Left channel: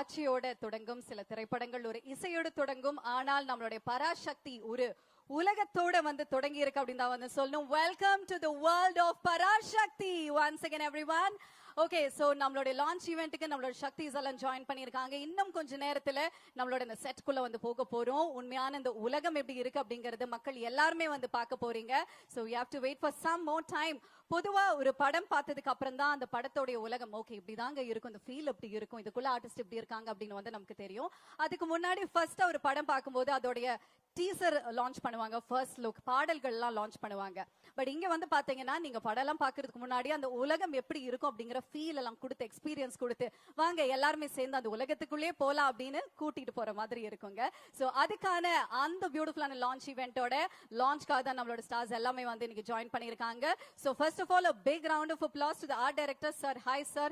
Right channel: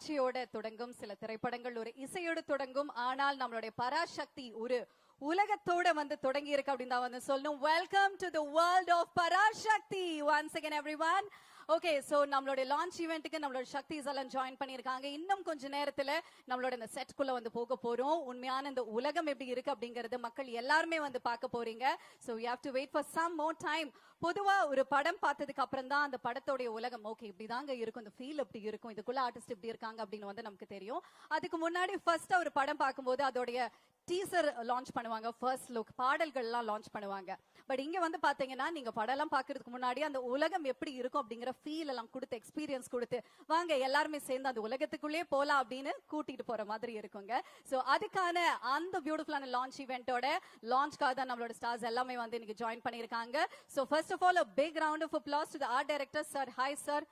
காட்சியோட தொடங்கும், சில திரைப்படங்கள் ஒரு இசையோடு தொடங்கும். ஆனால் நம்மளுடைய பராசக்தி ஒரு உலகத்தோட வந்து தொடங்குகிறது அப்படினா வந்து சொல்லணும். Welcome to the world of Parasakthi once again everyone. Okay, so நம்மளோட லான்ச் ஈவென்ட்க்கு நம்மளோட சக்திஸ் எல்லாம் ஜாயின் பண்ணிருக்காங்க. இன்னும் கொஞ்ச நேரத்துல நம்மளோட செட் குள்ள வந்து போக போறோம். உண்மையான இந்த உலகம் எப்படி இருக்கு அப்படிங்கறத மக்கள் எல்லாரும் வந்து பார்க்க போறீங்க. So we have to wait for some more time. பொதுவா ஒரு படம் பார்த்ததுக்கு அப்புறம் தான் அந்த படத்தோட உலகம் ஓகே இப்படிதாங்க இருக்கும், இந்த ஃபீல் எப்படி இருக்கும், இதுக்குள்ள ஆர்டிஸ்ட் எப்படி இருக்காங்க அப்படின்னு வந்து நமக்கு தெரியும். அதுக்கு முன்னாடி ஃபர்ஸ்ட் ஒரு படம் பார்க்கும்போது அதோட டீசர் லான்ச் பண்ணுவாங்க, ஃபர்ஸ்ட் லுக் பாடல்கள் எல்லாம் லான்ச் பண்ணுவாங்க. பட் இங்க வந்து பாத்தீங்கன்னா நீங்க படம் எல்லாம் பார்க்கிறதுக்கு முன்னாடி அந்த உலகம் எப்படி இருக்கும் அப்படிங்கற ஃபீல் எல்லாம் கொடுத்து எக்ஸ்பீரியன்ஸ் கொடுத்து வாங்க எல்லாரும் சேர்ந்து அந்த உலகத்துக்குள்ளே போலாம் அப்படின்னு கூட்டிட்டு போற மாதிரி இருக்குங்க. சோ அதுக்கான அந்த பியூட்டிஃபுல் லான்ச் ஈவென்ட்டோட லான்ச்காக நம்மளோட ஸ்டார்ஸ் எல்லாமே வந்து ஜாயின் பண்ணிருக்காங்க. So first of all a big round of applause to the art director sir. Hi sir,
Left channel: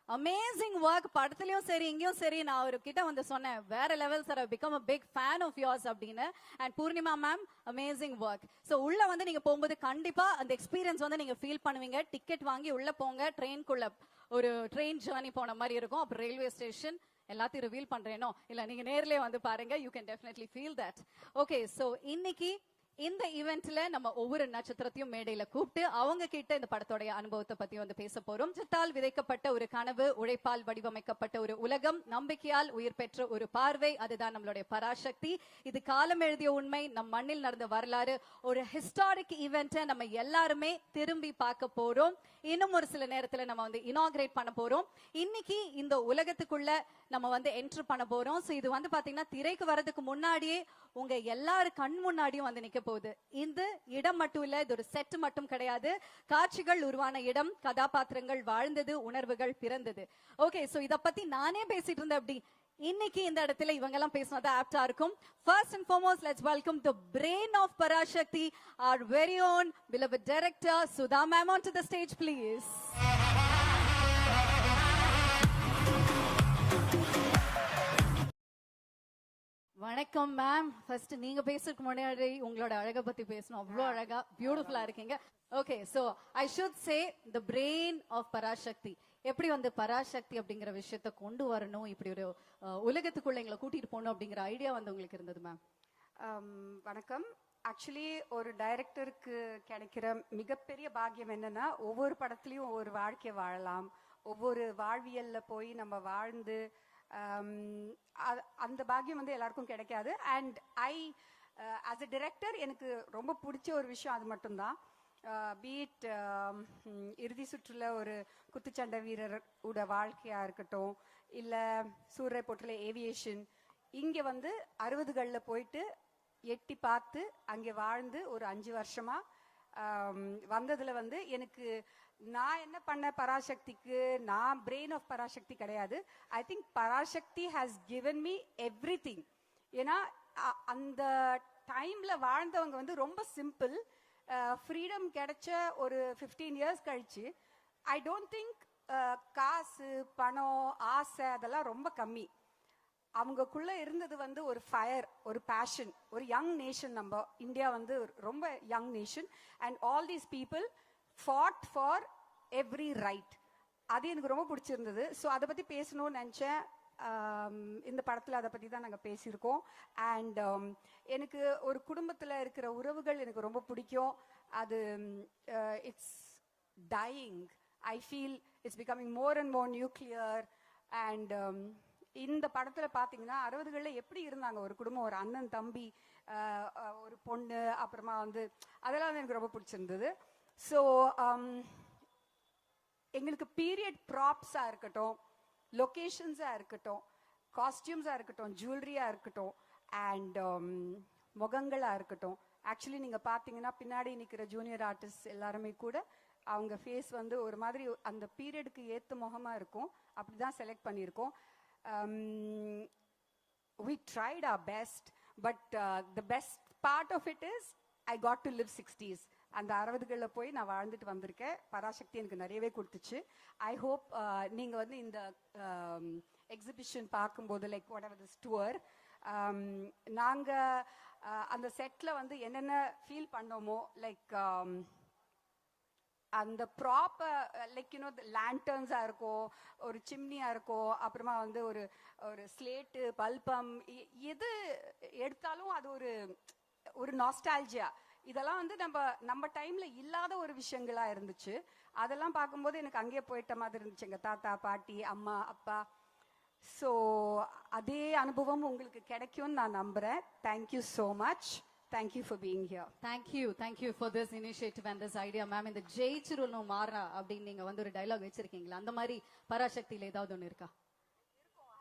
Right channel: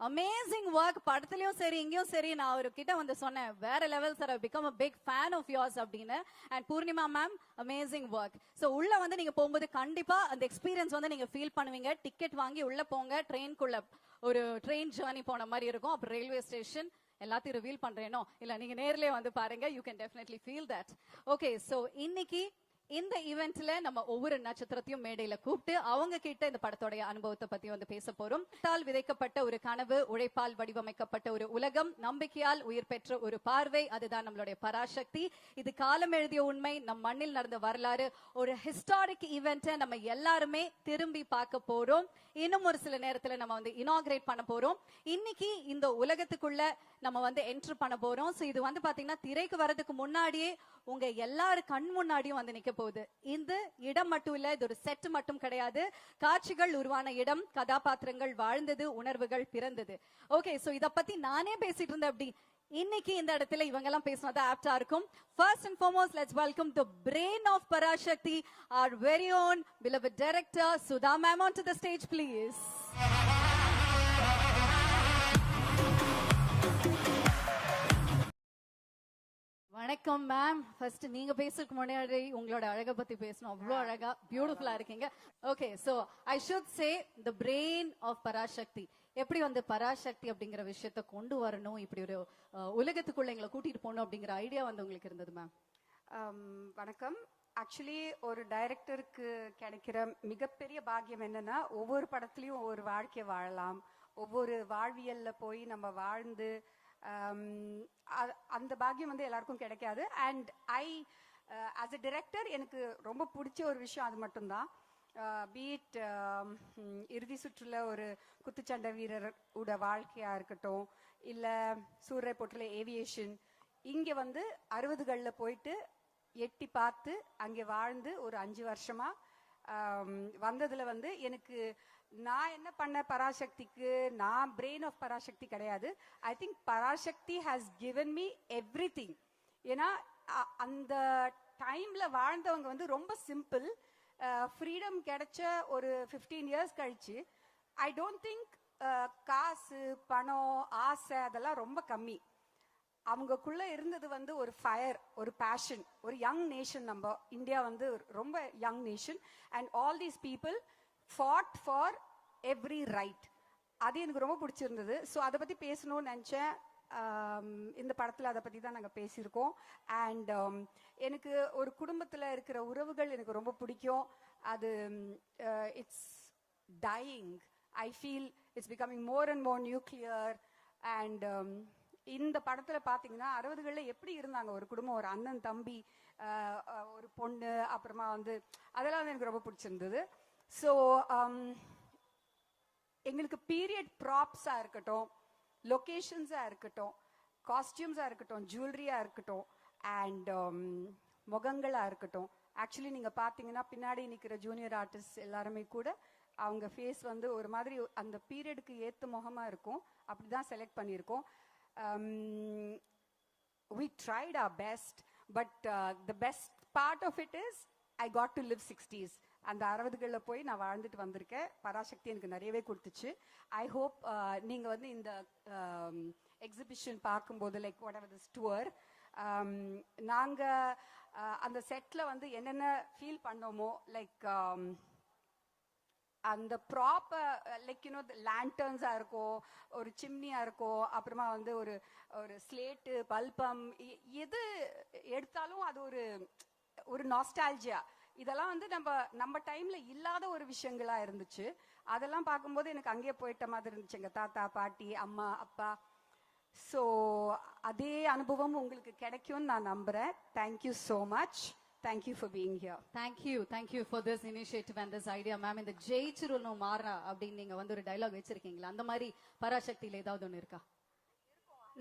amazing work. படத்துலயும் சரி இங்கேயும் சரி நான் அவர்கிட்ட வந்து சொன்னேன் வேற level sir, I become a big fan of yours அப்படின்னு. and Poornima ma'am amazing work. so உள்ள வந்து நீங்க போகும்போது கண்டிப்பா அந்த எக்ஸ்பீரியன்ஸ் வந்து நீங்க ஃபீல் பண்ணுவீங்க. டிக்கெட் வாங்கி உள்ள போங்க, ட்ரெயின் குள்ள ஒரு ட்ரெயின் ஜர்னி போன மாதிரி இருக்கும். ரயில்வே ஸ்டேஷன் எல்லாத்தையும் ரிவீல் பண்ணணும், இல்ல நீங்க நேர்ல வந்து பாருங்க, you can definitely feel that. okay, so இன்னைக்கு இந்த ஈவென்ட்ல நம்ம ஒவ்வொரு நட்சத்திரத்தையும் மேடையில கூப்பிட்டு அவங்க கிட்ட இந்த படத்தோட அனுபவத்தை பத்தி வந்து பேச போறோம். விதைக்கப்பட்ட ஒரு கனவு, உழைப்பால் வடிவமைக்கப்பட்ட ஒரு உலகம், நம்பிக்கையால் உயிர் பெற்ற ஒரு பார்வை, அதுதான் நம்மளுடைய பராசக்தி. இது காலம் எழுதிய உண்மை, நம்ம மண்ணில் நடந்த வரலாறு, ஒரு ஹிஸ்டாரிக் ஈவென்ட் நம்ம எல்லாருமே திரும்பி பார்க்க போறோம். இன்னும் ஒரு சில நேரத்துல நம்ம வந்து இனாகிரேட் பண்ண போறோம். இன்னைக்கு இந்த உலகத்துக்குள்ள நம்ம வந்து என்டர் பண்ண போறோம். இது வந்து பாத்தீங்கன்னா திரைக்கு வர்றதுக்கு முன்னாடியே உங்க எல்லாரும் கண் முன்னாடியும் வந்து நிக்க போகுது. இந்த இடம் மட்டும் இல்ல, இது ஒரு செட் மட்டும் கிடையாது, காட்சிகள் உருவான இடம், கதாபாத்திரங்கள் வாழ்ந்தது, உணர்வுகள் பிறந்தது. ஓகே, சோ இத பத்தி நானே பேசிட்டு இருந்தேன். அப்படி இன்னைக்கு இந்த இடத்துல இவங்கெல்லாம் பேசுறது ஆப்டா இருக்கும். First and foremost, let's welcome the brain of Parashakti, our very own beloved director Sudha ma'am onto the stage please. வணக்கம் மேம். ஃபர்ஸ்ட் நீங்க பேசுறது முன்னாடி உங்களோட அழக பத்தி பேசணும். அவ்வளவு அழகா பியூட்டிஃபுல்லா இருக்கீங்க. Okay, so I should say the brain of Parashakti. எப்படி வந்து பராசக்தி அப்படிங்கற விஷயத்தை கொண்டு வரணும், இப்படி ஒரு உலகத்துக்குள்ள எங்களை கூட்டிட்டு போகணும் அப்படிங்கற ஐடியா வந்து உங்களுக்கு இருந்தது மேம்? வணக்கம். ஆக்சுவலி ஒரு டைரக்டருக்கு கிடைக்கிற மிகப்பெரிய பாக்கியம் என்னன்னா ஒவ்வொரு படத்துலயும் ஒரு வாழ்க்கை வாழலாம், ஒவ்வொரு வாழ்வியல்ல போய் நம்ம வாழ்ந்து அந்த பாக்கியம் வந்து எல்லாருக்கும் கிடைக்காது. And I as a director எனக்கு ரொம்ப பிடிச்ச ஒரு விஷயம் அது மட்டும்தான். பீட் இறுதி சுற்றுல ஒரு குத்துச்சண்டை வீரர் உட வாழ்க்கையா இருக்கட்டும், இல்ல சூரியரை போட்டுல ஏவியேஷன், இங்க வந்து 60களில் போயிட்டு எட்டி பார்த்து அங்கே வாழ்ந்து ஒரு 5 வருஷமா வந்ததுல வந்து எனக்கு நான் என்ன பண்ண பராசக்திக்கு நான் brain of பராசக்தி கிடையாது. I think Parasakthi has given me everything. ஏன்னா அந்த டைம்ல வாழ்ந்தவங்க வந்து ரொம்ப சிம்பிள், ஃப்ரீடம் கிடைச்ச ஒரு 15 years கழிச்சு I don't think காசு பணம் ஆசை அதெல்லாம் ரொம்ப கம்மி. அவங்களுக்குள்ள இருந்தது வந்து ஒரு ஃபயர், ஒரு பேஷன், ஒரு யங் நேஷன். நம்ம இந்தியா வந்து ரொம்ப young nation and all these people fought for every right. அது எனக்கு ரொம்ப பிடிச்சிருந்தது. ஸோ அதை பத்தி பேசணும்னு நினைச்சேன். இந்த படத்துல அதை பத்தி தான் நாங்கள் பேசியிருக்கோம். அண்ட் எனக்கு ஒரு குடும்பத்துல இருக்கிற உறவுகள் எனக்கு ரொம்ப பிடிக்கும். அது it's dying. I feel it's becoming more and more nuclear. And இந்த படத்துல பாத்தீங்கன்னா 60களில் எப்படி இருந்தாங்க ஒரு குடும்பம், ஒரு அண்ணன் தம்பி, ஒரு பொண்ணு, அப்புறமா வந்து அதெல்லாம் எனக்கு ரொம்ப பிடிச்சிருந்தது. ஸோ எங்களுக்கு பீரியட் ப்ராப்ஸா இருக்கட்டும், லொகேஷன்ஸா இருக்கட்டும், காஸ்டியூம்ஸா இருக்கட்டும், ஜுவல்லரியா இருக்கட்டும், அண்ட் முகங்களா இருக்கட்டும். ஆக்சுவலி நீங்க பாத்தீங்கன்னா பின்னாடி இருக்கிற ஜூனியர் ஆர்டிஸ்ட் எல்லாருமே கூட அவங்க ஃபேஸ் வந்து ஒரு மாதிரி அந்த பீரியடுக்கு ஏற்ற முகமா இருக்கும். அப்படிதான் செலக்ட் பண்ணியிருக்கோம். We tried our best, but the best part of it is I got to live 60s. அந்த 60களில் போய் நான் வாழ்ந்து வந்திருக்கேன். பராசக்தி எனக்கு நிறையவே கொடுத்துச்சு. I hope நீங்க வந்து இந்த எக்ஸிபிஷன் பார்க்கும்போது லைக் whatever this tour நாங்க அந்த செட்ல வந்து என்னென்ன ஃபீல் பண்ணுமோ, லைக் அந்த ப்ராப்பர் லைக் யூ நோ லேண்டர்ன்ஸா இருக்கும், ஒரு சிம்னியா இருக்கும், அப்புறமா வந்து ஒரு ஸ்லேட் பல்பம், எது எடுத்தாலும் அது ஒரு நாஸ்டால்ஜியா. இதெல்லாம் வந்து நம்ம டைம்ல இல்லாத ஒரு விஷயங்களா இருந்துச்சு. அதெல்லாம் பார்க்கும்போது எனக்கு அங்கேயே போயிட்ட மாதிரி இருந்துச்சு, எங்க தாத்தா பாட்டி அம்மா அப்பா. ஸோ அதே அனுபவம் உங்களுக்கு கிடைக்கும்னு நான் நம்புறேன். Thank you so much. Thank you for being here. Thank you for this initiative and this idea, ma'am. இந்த ஜெயிச்சிரும் மாறா அப்படி நீங்க வந்து ஒரு டயலாக் வச்சிருக்கீங்க. அந்த மாதிரி பராசக்தி ஏதாவது ஒன்று இருக்கா?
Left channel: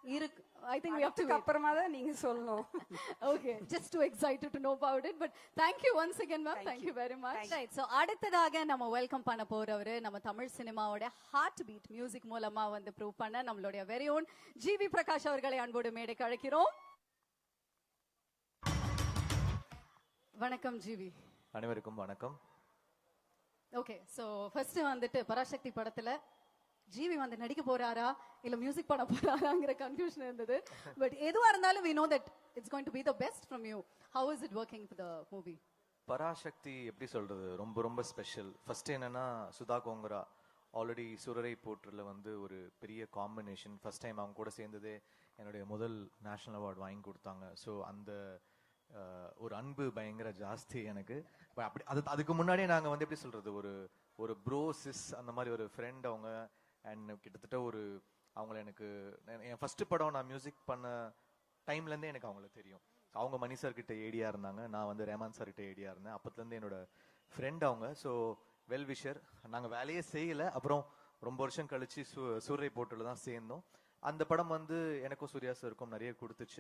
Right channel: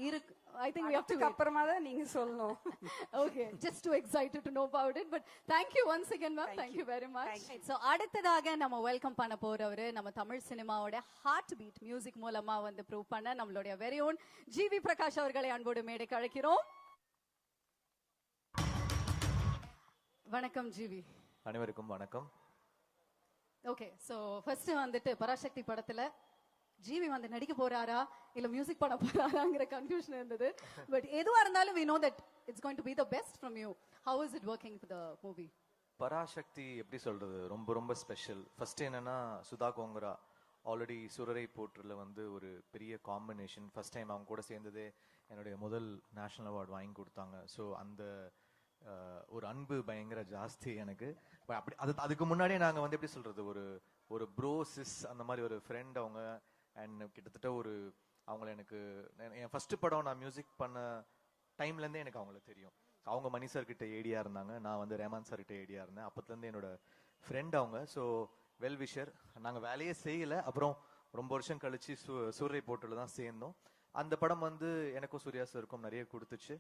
இருக்கு. I think we have to அப்புறமா நீங்க சொல்லணும். Okay, just too excited to know about it, but thank you once again, ma'am. Thank you very much. So அடுத்ததாக நம்ம வெல்கம் பண்ண போறவரு நம்ம தமிழ் சினிமாவோட ஹார்ட் பீட் மியூசிக் மூலமா வந்து ப்ரூவ் பண்ண நம்மளுடைய very own ஜிவி பிரகாஷ் அவர்களை அன்போடு மேடைக்கு அழைக்கிறோம். வணக்கம் ஜிவி. அனைவருக்கும் வணக்கம். ஓகே, சோ ஃபர்ஸ்ட் வந்து பராசக்தி படத்துல ஜிவி வந்து நடிக்க போறாரா இல்ல மியூசிக் பண்ண போறாராங்கிற கன்ஃபியூஷன் இருந்தது. பட் எதுவா இருந்தாலும் we know that it's going to be the best from you. How is it working the movie? Parasakthi எப்படி சொல்றது, ரொம்ப ரொம்ப ஸ்பெஷல். ஃபர்ஸ்ட் என்னன்னா சுதா கோங்கரா ஆல்ரெடி சுரரை போர்ட்ல வந்து ஒரு பெரிய காம்பினேஷன். ஃபர்ஸ்ட் டைம் அவங்க கூட சேர்ந்து என்னுடைய முதல் நேஷனல் அவார்ட் வாங்கி கொடுத்தாங்க. ஸோ அந்த ஒரு அன்பு பயங்கர ஜாஸ்தி எனக்கு. அதுக்கு முன்னாடி நாங்க வந்து எப்படி சொல்றது, ஒரு ப்ரோசிஸ் அந்த மாதிரி ஒரு ஃப்ரெண்ட் அவங்க. அண்ட் கிட்டத்தட்ட அவங்க எனக்கு என் ஃபர்ஸ்ட் படம் நான் மியூசிக் பண்ண டைம்ல இருந்தே எனக்கு அவங்களுக்கு தெரியும். அவங்க மணி சார் கிட்ட ஐடியா இருந்தாங்க, நான் வந்து ரஹ்மான் சார் கிட்ட ஐடியா இருந்தேன். அப்ப இருந்து என்னோட ஃப்ரெண்ட் அவங்க. So well wisher. நாங்க வேலையே செய்யல. அப்புறம் ரொம்ப வருஷம் கழிச்சு சூரிய போட்டு தான் சேர்ந்தோம். அந்த படம் வந்து எனக்கு சூர்யா சார் நிறைய கொடுத்துச்சு.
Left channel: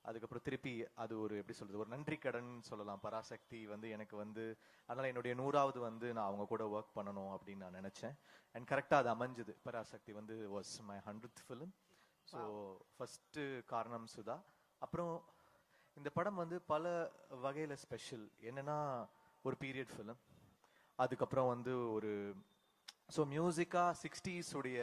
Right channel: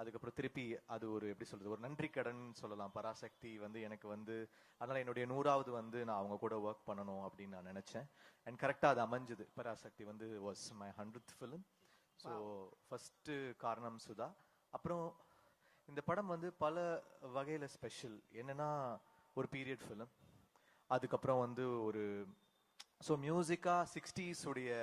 அதுக்கப்புறம் திருப்பி அது ஒரு எப்படி சொல்றது, நன்றி கடன் சொல்லலாம். பராசக்தி வந்து எனக்கு வந்து அதனால என்னுடைய 100வது வந்து நான் அவங்க கூட ஒர்க் பண்ணணும் அப்படின்னு நான் நினைச்சேன். அண்ட் கரெக்டா அது அமைஞ்சது. பராசக்தி வந்து was my 100th film. So first காரணம் சுதா. அப்புறம் இந்த படம் வந்து பல வகையில ஸ்பெஷல். என்னன்னா ஒரு பீரியட் ஃபிலிம். அதுக்கப்புறம் வந்து ஒரு ஸோ மியூசிக்கா 60s உடைய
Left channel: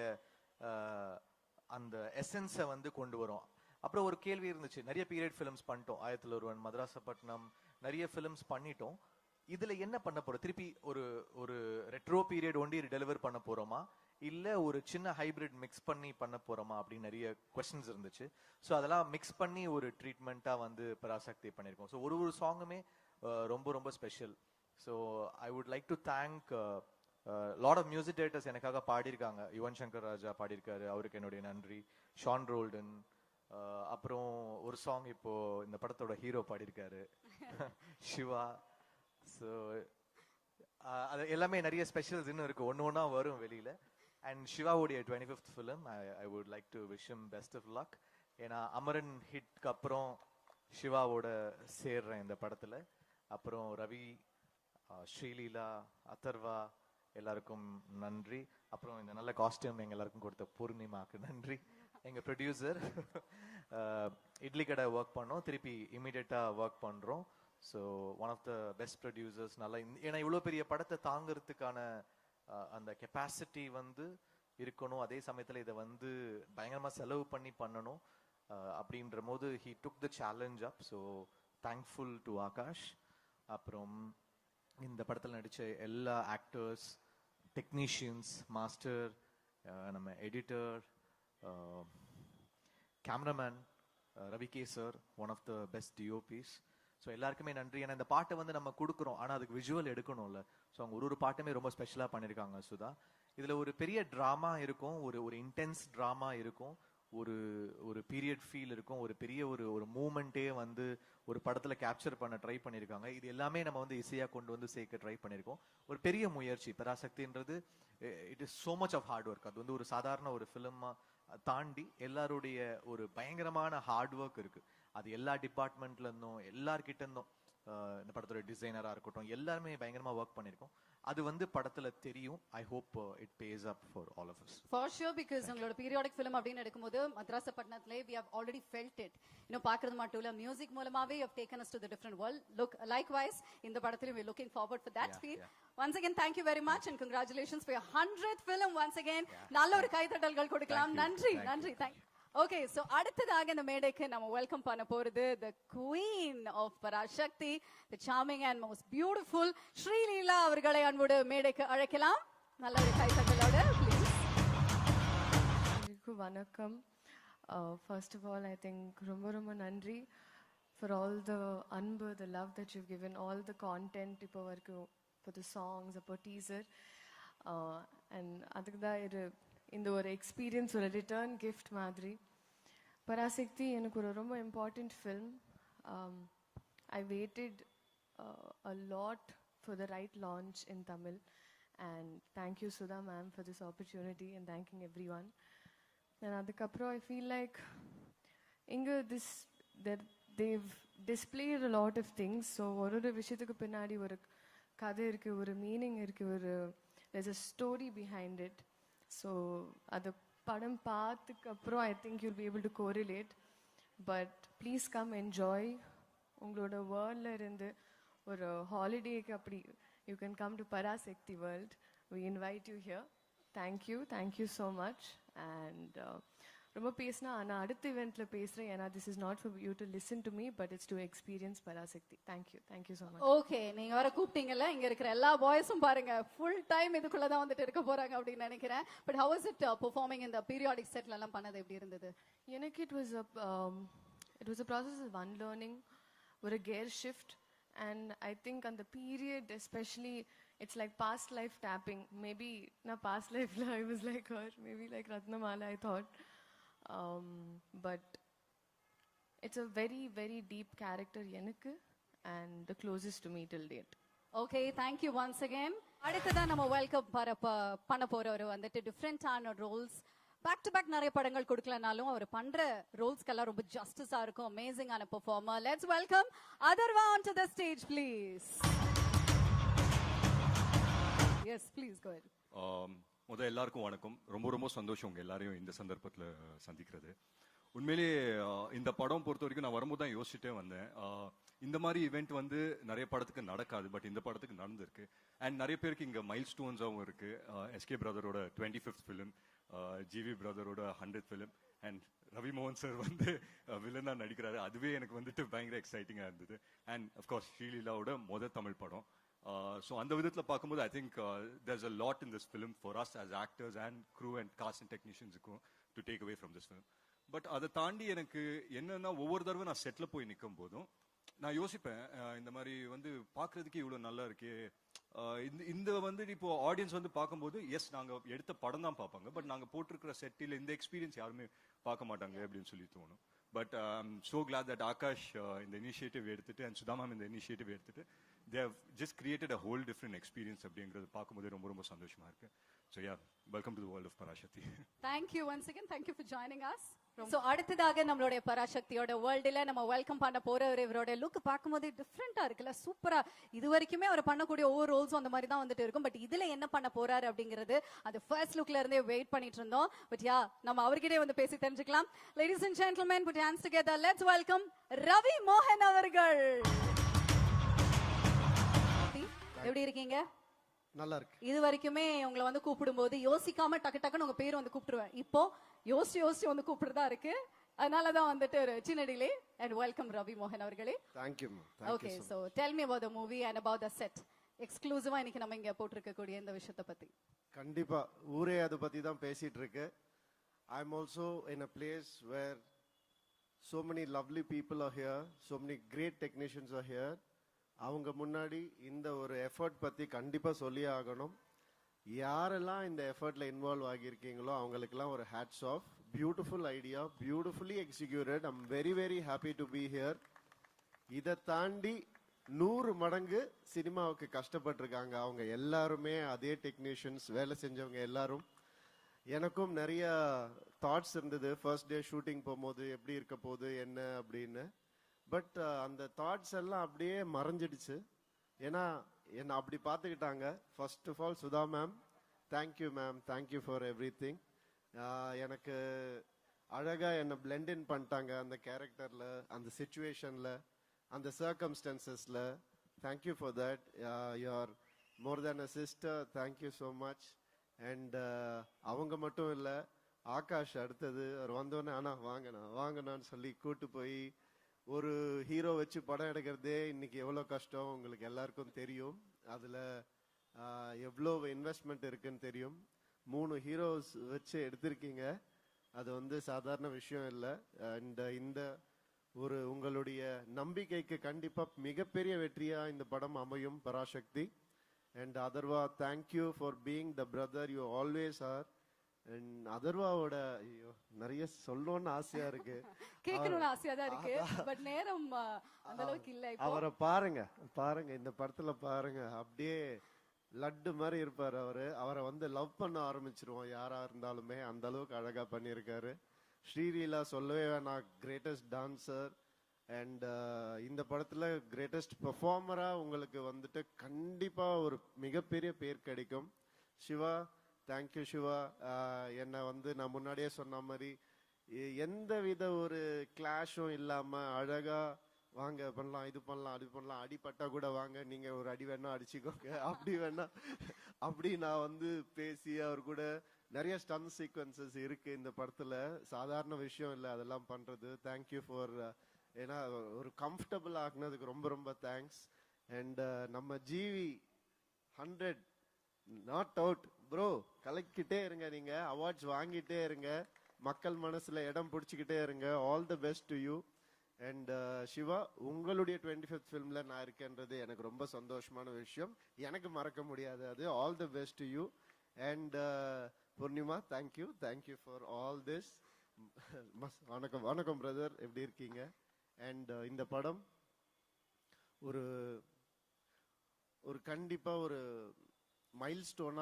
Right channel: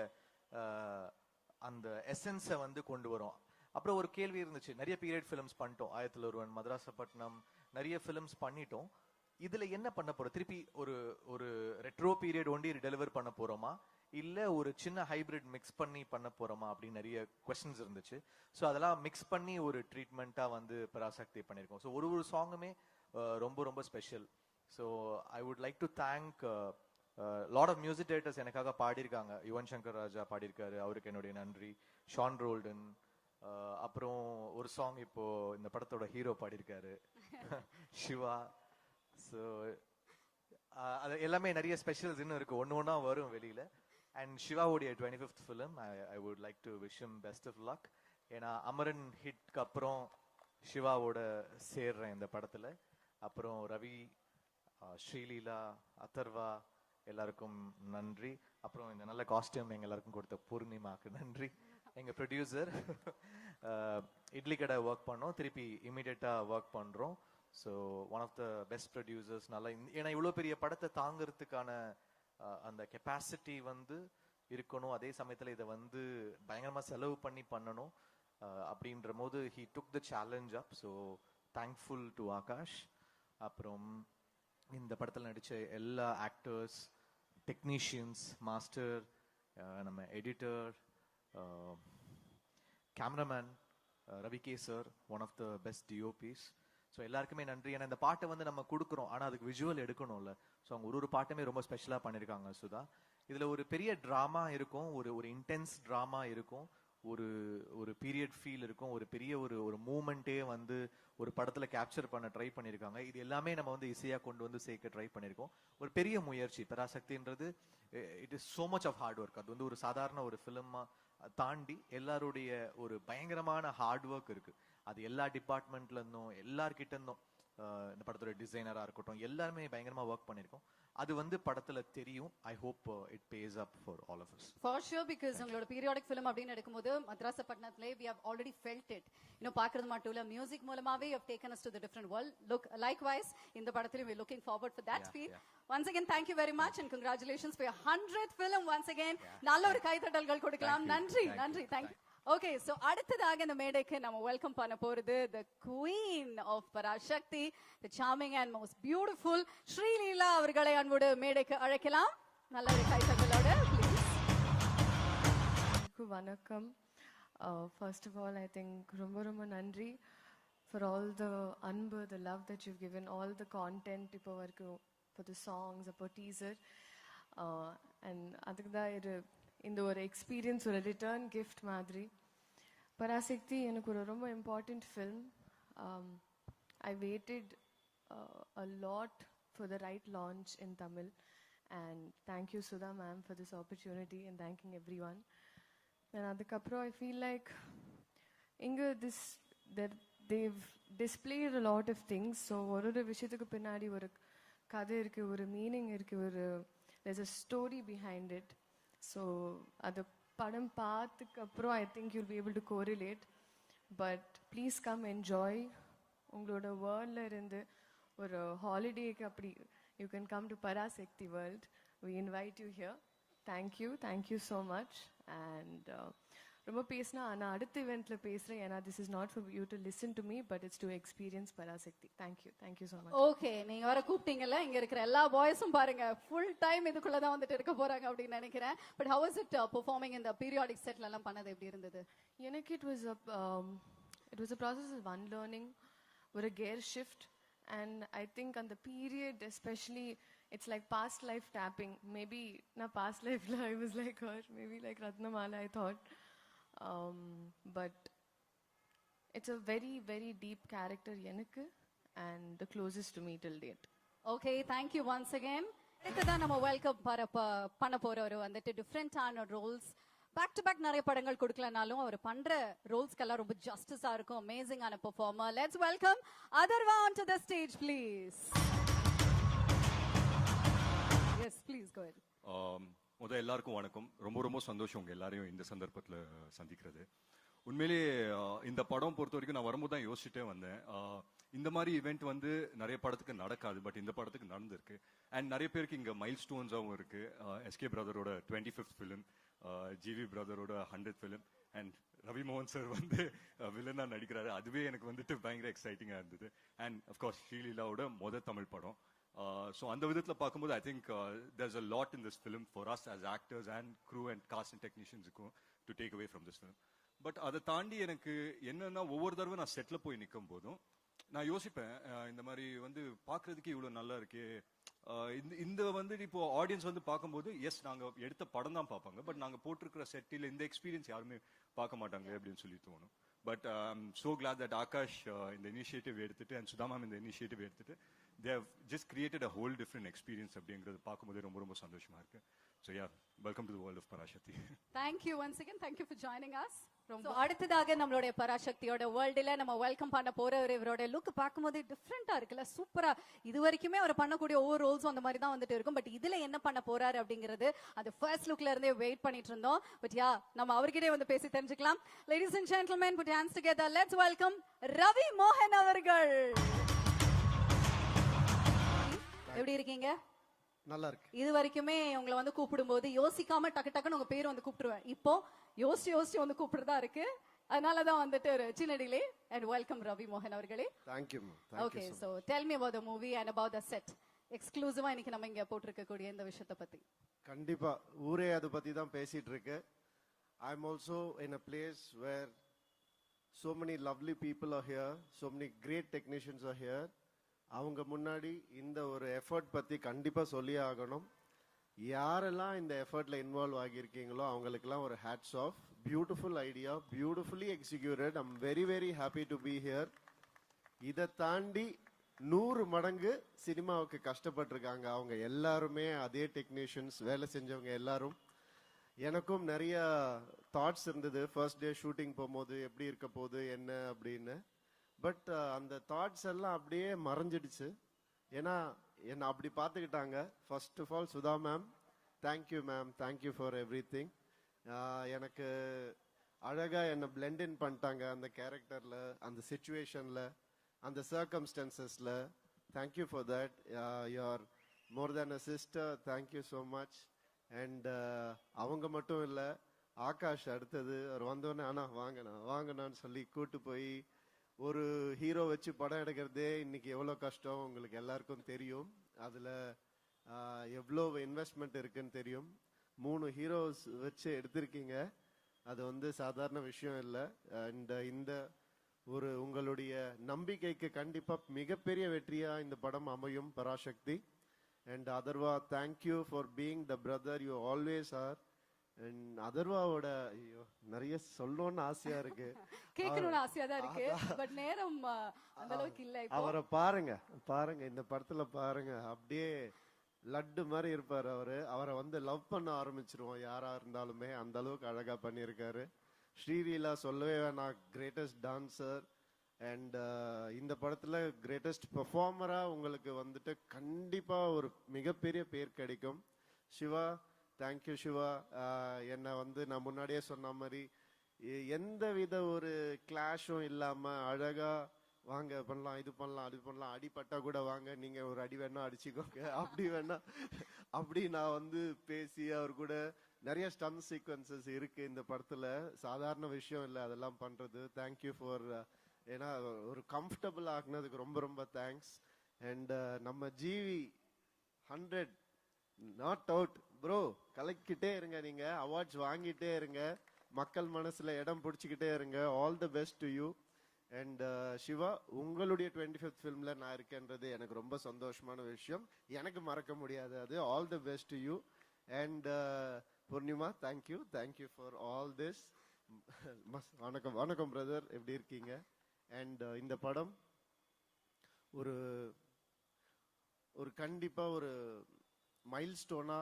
அந்த எசன்ஸை வந்து கொண்டு வரும். அப்புறம் ஒரு கேள்வி இருந்துச்சு, நிறைய பீரியட் ஃபிலிம்ஸ் பண்ணிட்டோம். 1901 மதராசப்பட்டினம் நிறைய ஃபிலிம்ஸ் பண்ணிட்டோம். இதுல என்ன பண்ண போறோம், திருப்பி ஒரு ரெட்ரோ பீரியட் ஒன்லி டெலிவர் பண்ண போறோமா இல்ல ஒரு சின்ன ஹைபிரிட் மிக்ஸ் பண்ணி பண்ண போறோமா அப்படின்னு நிறைய क्वेश्चंस இருந்துச்சு. சோ அதெல்லாம் மிக்ஸ் பண்ணி ஒரு ட்ரீட்மென்ட்டா வந்து பராசக்தி பண்ணிருக்கோம். சோ ஒரு சாங்குமே ரொம்ப ரொம்ப special. So I would like to thank lot of music directors எனக்காக பாடிருக்காங்க. யுவன் சங்கர் ராஜா பாடிருக்காரு, அவருக்கு என்னுடைய நன்றி. ஷான் ரோல்டன், அப்புறம் ஒரு சாங் இப்போ இந்த படத்தோட ஹீரோ பாடிருக்காரு சிவா. சோ அது எல்லாமே நிறைய ஸ்பெஷல் இருக்கு, ஒவ்வொன்றா வரும் வெளியில. அண்ட் சிவாவுடைய 25th film I would like to wish him best of luck. ஏன்னா அமரன் ஹிட்க்கு அப்புறம் சிவாவோட சேர்ற இந்த படத்துல அப்புறம் ரவி, ஸ்ரீலீலா, அதர்வா எல்லாருக்கும் நன்றி. அப்புறம் நல்ல காஸ்டியூம் எல்லாருக்கும் கொடுத்த பூர்ணிமாக்கு நன்றி. எங்க ப்ரொடியூசர் இட்லி கடை ஒர்க் பண்ணோம், திருப்பி இமிடியேட்டா ஒர்க் பண்றோம். So one of the best producers. நல்லா ஏன்னா இவ்வளோ பெரிய படத்தை தாங்கிறதுக்கான அந்த கெப்பாசிட்டி வந்து இருக்கணும். அதே சமயத்தில் இதை வந்து பயங்கரமா செலவு பண்ணி பண்ணணும் அப்படின்ற போது he took the challenge up. So thankful to Akash. அப்புறம் இந்த படத்துல நடிச்ச எல்லா ஆக்டர்ஸ், டெக்னீஷியன்ஸ், மாஸ்டர், நம்ம editor, cameraman Ravi K sir, one of the best DOPs. So எல்லாருக்குமே நன்றி. ஏன்னா இந்த பாட்டை வந்து நம்ம கொடுக்குறோம், ஆனால் அது விஷுவல் எடுக்கணும்ல. ஸோ ஒரு பாட்டுமே ரொம்ப ஸ்பெஷலாக பண்ணியிருக்காங்க சுதா. இதுல ஒரு பெரிய டிராமா இருக்கும், ஒரு இன்டென்ஸ் டிராமா இருக்கும், ஒரு பீரியட் ஃபீல் இருக்கும், ஒரு பெரிய ஒரு மூமெண்டே வந்து ஒரு படத்துல கேப்சர் பண்ண ட்ரை பண்ணிருக்காங்க. எல்லாமே நம்ம வந்து ஈஸியா கொண்டு வந்து சேர்க்க ட்ரை பண்ணிருக்கோம். ஒரு பெரிய முயற்சி. பராசக்தின்றது it is so much of hard work. அது ஒரு சாதாரண ஒரு ஃபிலிமா தாண்டி எல்லாருடைய ஒரு பயங்கரமான ஹார்ட் ஒர்க் இருக்கு. அது எல்லா டிபார்ட்மெண்ட்ல இருந்தும் எல்லா கிட்ட இருந்தும் படத்தோட டிசைனரா இருக்கட்டும் எல்லாருமே பயங்கரமா ஒர்க் பண்ணிருக்கோம். அது வந்து படத்துல தெரியும். I hope it pays up for all of us. For sure, because நம்மளோட பீரியாடிக் ஃபிலிம் அப்படின்னு எடுக்கும்போது மதராசப்பட்டினம்ல we have already felt it. பாடுறது மட்டும் இல்ல, மியூசிக் மூலமாவே we have taken us to a different world. Likewise, இந்த படத்துல we are looking forward to that. Once again, thank you very much and congratulations for your 100th film once again. நல்ல ஒரு கைத்தட்டல் கொடுக்கலாம். நன்றி. Okay, so அடுத்ததாக இந்த மேடைக்கு நம்ம வெல்கம் பண்ண போறது the queen of Parashakti, the charming and most beautiful Sreeleela அவர்களை அன்போடு மேடைக்கு அழைக்கலாம். நல்லா கைத்தட்டோட Vanakkam. First of all, I think ரொம்ப நன்றி for all the anbu, the love that you've given, all the content இப்போ வரைக்கும், for the songs, for teaser, and அதுக்காக இந்த ஒரு எக்ஸ்பீரியன்ஸ், ஒரு ரிட்டர்ன் கிஃப்ட் மாதிரி. பராசக்தி எனக்கு ஒரு ரொம்ப important film. I waited a lot for the right launch in Tamil, and thank you Sudha ma'am for this opportunity, and thanking everyone. And அதுக்கப்புறம் I feel like they've displayed a lot of things. So ஒரு விஷயத்துக்கு பின்னாடி ஒரு கதை இருக்கு, ஒரு meaning இருக்கு, there's a story behind it. So அது படம் பார்த்ததுக்கு அப்புறம் I think you'll be able to correlate. But please come enjoy. உங்களோட வேர்ல்ட்ல இருந்து ஒரு ஹாலிடேக்கு அப்படி you can come to Parasakti world. We invite you here. Thank you so much. And ரொம்ப பேசினா நான் அடுத்த இவெண்ட்ல பேசுறேன். ஏன்னா this is not for you to listen to me, but it's to experience Parasakti. Thank you so much. Okay, நீங்க வர கூப்பிட்டீங்கல, இங்க இருக்கிற எல்லா பாய்ஸும் பாருங்க full time இதுக்குள்ள தான் வந்துட்டு இருக்க போறாங்க அப்படி நினைக்கிறேன். But how was it performing in the periodic set எல்லாம் பண்ணது எப்படி இருந்தது? எனக்கு it was a process of unlearning, with a gear shift, and I think on the period especially it's like past life tapping. Maybe not past life, I was like maybe like Ratnamala I thought, but it's a very very deep character enakku, and the closest to me till date. Okay, thank you once again. அடுத்து நம்ம welcome பண்ண போறவர் வந்து different ஆன Rolle's, back to back நிறைய படங்கள் கொடுக்கலனாலும் அவர் பண்ற Rolle's எல்லாம் ரொம்ப ஜஸ்டிஸா இருக்கும். அமேசிங்கான performer. Let's welcome Atharvaa to the stage please. Yes please go ahead. முதல்ல எல்லாருக்கும் வணக்கம். ரொம்ப சந்தோஷம் எல்லாரையும் இந்த சந்தர்ப்பத்துல சந்திக்கிறது. உண்மையிலேயே இந்த படம் பொறுத்தவரைக்கும் நான் வரும்போது தான் யோசிச்சுட்டே வந்தேன். இந்த மாதிரி ஈவெண்ட் வந்து நிறைய படத்துக்கு நடக்காது, பட் இந்த படத்துக்கு நடந்திருக்கு. அண்ட் நிறைய பேருக்கு இங்க மைல் ஸ்டோன்ஸாகவும் இருக்கு. எஸ்கே பிரதரோட 25th ஃபிலிம், ஜிவி பிரதரோட 100th ஃபிலிம், அண்ட் ரவி மோகன் சார் வந்து வில்லனா நடிக்கிறாரு. அதுவே எனக்கு வந்து பயங்கர எக்ஸைட்டிங்கா இருந்தது. அண்ட் ஆஃப் கோர்ஸ் ஷீலாவோட முதல் தமிழ் படம். So அந்த விதத்துல பார்க்கும்போது I think there's a lot in this film for us as actors and crew and cast and technicians to take away from this film. But அதை தாண்டி எனக்கு என்ன ஒவ்வொரு தடவை நான் செட்ல போய் நிற்கும் போதும் நான் யோசிப்பேன், இந்த மாதிரி வந்து பார்க்கறதுக்கு இவ்வளவு நல்லா இருக்கு. இந்த வந்து இப்போ ஆடியன்ஸ் வந்து பார்க்கும்போது எஸ் நாங்க எடுத்த படம் தான் பார்ப்போம், பட் நாங்க போட்டுக்கிற செட்டில் இந்த எக்ஸ்பீரியன்ஸ் யாருமே பார்க்க மாட்டாங்க அப்படின்னு சொல்லி தோணும். But so glad that Akash the initiative எடுத்து and Sudhaman the initiative எடுத்து they have just created a whole different experience அப்படிங்கிறது பார்க்கும்போது ரொம்ப சந்தோஷமா இருக்கு. So yeah, welcome to the world of Parasakti. Thank you once again. Thank you for joining us. So அடுத்ததாக நம்மளுடைய பராசக்தியோட வேர்ல்ட்ல நம்ம வெல்கம் பண்ண போறவரோட லுக் பார்க்கும்போது டிஃபரண்டா இருக்குல்ல, சூப்பரா. இதுவரைக்குமே அவர் பண்ணக்கூடிய ஒரு ரோல்ஸ் அந்த மாதிரி தான் வந்துட்டு இருக்கும். பட் இதுல என்ன பண்ண போறாரு அப்படிங்கிறது அது ஃபர்ஸ்ட் லுக்ல இருந்தே வெயிட் பண்ணிட்டு இருந்தோம். பட் யா நம்ம அவர்கிட்டயே வந்து பேசி தெரிஞ்சுக்கலாம். Ladies and gentlemen, put hands together. Let's welcome Ravi மோகன் அவர்கள். எப்படி இருக்கீங்க? நல்லா இருக்கு. இது வரைக்குமே உங்களை வந்து கூப்பிடும்போது யோசிக்காம டக்கு டக்குன்னு உங்க பேர் வந்து கூப்பிடுவேன். இப்போ யோசிச்சு வந்து கூப்பிடுறதா இருக்கு. அதனால தான் வந்துட்டு சின்னனிலே and welcome ரவி மோகன் அவர்களே. Thank you. Okay, so tell me about the movie and about the set. எக்ஸ்க்ளூசிவா இன்னைக்கு நம்ம இங்க போட்டுருக்கக்கூடிய இந்த விஷயத்தை பத்தி. கண்டிப்பா ஊரே அத பத்தி தான் பேசிட்டு இருக்கு. I am also in a place where so many lovely people are here, so many great technicians are here. அவங்க முன்னாடி இந்த ஒரு எஃபர்ட் பத்தி கண்டிப்பா சொல்லி ஆகணும். யாரெல்லாம் இந்த எஃபர்ட்ல இன்வால்வ் ஆகியிருக்கீங்களோ அவங்களுக்கெல்லாம் ஒரு hats off. Beautiful idea, beautifully executed. I am very very happy to be here. இதை தாண்டி 100 மடங்கு சினிமாவுக்கு கஷ்டப்பட்டிருக்காங்க அவங்க எல்லாருமே. அதே டெக்னீஷியன்ஸ் வேலை செஞ்சவங்க எல்லாரும். எனக்கும் நிறைய தாட்ஸ் இருந்தது ஃபர்ஸ்ட் டே ஷூட்டிங் போகும்போது எப்படி இருக்க போகுது என்ன அப்படின்னு. பட் அந்த தாட்ஸ் எல்லாம் அப்படியே மறைஞ்சிடுச்சு. ஏன்னா என்ன அப்படி பார்த்துக்கிட்டாங்க. First of all Sudha ma'am, thank you ma'am, thank you for everything. எனக்கு அழகா என்ன பிளெண்ட் இன் பண்ணிட்டாங்க அந்த கேரக்டர்ல, அந்த சிச்சுவேஷன்ல, அந்த சர்க்கம்ஸ்டான்சஸ்ல. Thank you for that. You are more than a sister. Thank you so much. And அவங்க மட்டும் இல்ல, ஆகாஷ் அடுத்தது வந்தோன்னா வாங்கன்னு சொல்லி கூட்டு போய் ஒரு ஹீரோ வச்சு படம் எடுக்கிறதே இன்னைக்கு எவ்வளவு கஷ்டம் உங்களுக்கு எல்லாருக்கும் தெரியும். அதுல எவ்வளோ இன்வெஸ்ட்மெண்ட் இருக்குன்னு தெரியும். 3 ஹீரோஸ் வச்சு எடுத்திருக்கீங்க, அது வந்து சாதாரண விஷயம் இல்லை. இந்த ஒரு உங்களுடைய நம்பிக்கைக்கு கண்டிப்பா மிகப்பெரிய வெற்றியா இந்த படம் அமையும் Parasakthi. And Atharva, thank you for being the brother you always are. And Atharvaவோட நிறைய சொல்லணும்னு ஆசையா இருக்கு, கேக்குதுன்னு ஆசையா இருக்கு, பட் நேரம் அந்த அளவுக்கு இல்ல. அவரை பாருங்க இந்த படத்துல பாருங்க, அப்படியே லட்டு மாதிரி இருப்பாரு அவரு. அவரை வந்து லவ் பண்ண ஆரம்பிச்சிருவோம் யாரா இருந்தாலுமே, அந்த அளவுக்கு அழகா பண்ணியிருக்காரு. ஸ்ரீலீலா சொல்லவே நான் கிரேட்டஸ்ட் டான்சர். அண்ட் இந்த படத்துல கிரேட்டஸ்ட் பெர்ஃபார்மரா உங்களுக்கு வந்துட்டு கண்டிப்பா ஒரு மிகப்பெரிய பேர் கிடைக்கும். சிவா, தேங்க்யூ சிவா. என்ன வந்து நான் முன்னாடியே சொன்ன மாதிரி எந்த வித ஒரு கிளாஷும் இல்லாம அழகா வாங்க பண்ணலாம், இது பண்ணலாம், அது பண்ணலாம், அடிப்பட்டா கூட வாங்க, நீங்க ஒரு அடி வேணா அடிச்சுக்கோங்க, அப்படி வேணா அப்படி நான் வந்து பேசி அவர் கூட நிறைய ஸ்டன் சீக்வன்சஸ் இருக்கு இந்த படத்துல. சாதாரண விஷயம் இல்லை அதெல்லாம் பண்றது. தேங்க்யூ ஃபார், ஏன்னா ஒரு கம்ஃபர்டபுள் ஆனது ரொம்ப ரொம்ப தேங்க்ஸ். அண்ட் நம்ம ஜிவி 100 நாட் அவுட் ப்ரோ, கலக்கிட்டே இருங்க, நீங்க அவார்ட்ஸ் வாங்கிட்டே இருங்க, மக்கள் மனசுல இடம் பிடிச்சிக்கிட்டே இருங்க. All the best to you. And Siva, உங்களுடைய 25th ஃபிலிம்ல நான் இருக்கிறது எனக்கு ரொம்ப சந்தோஷமான விஷயம், எனக்கு மறக்க முடியாது. All the best to you. And Poornima, thank you for all this. வணக்கம் பிரதர், எப்படி இருக்கீங்க? அண்ட் இந்த படம் ஒரு கண்டிப்பா ஒரு மைல்ஸ்டோனா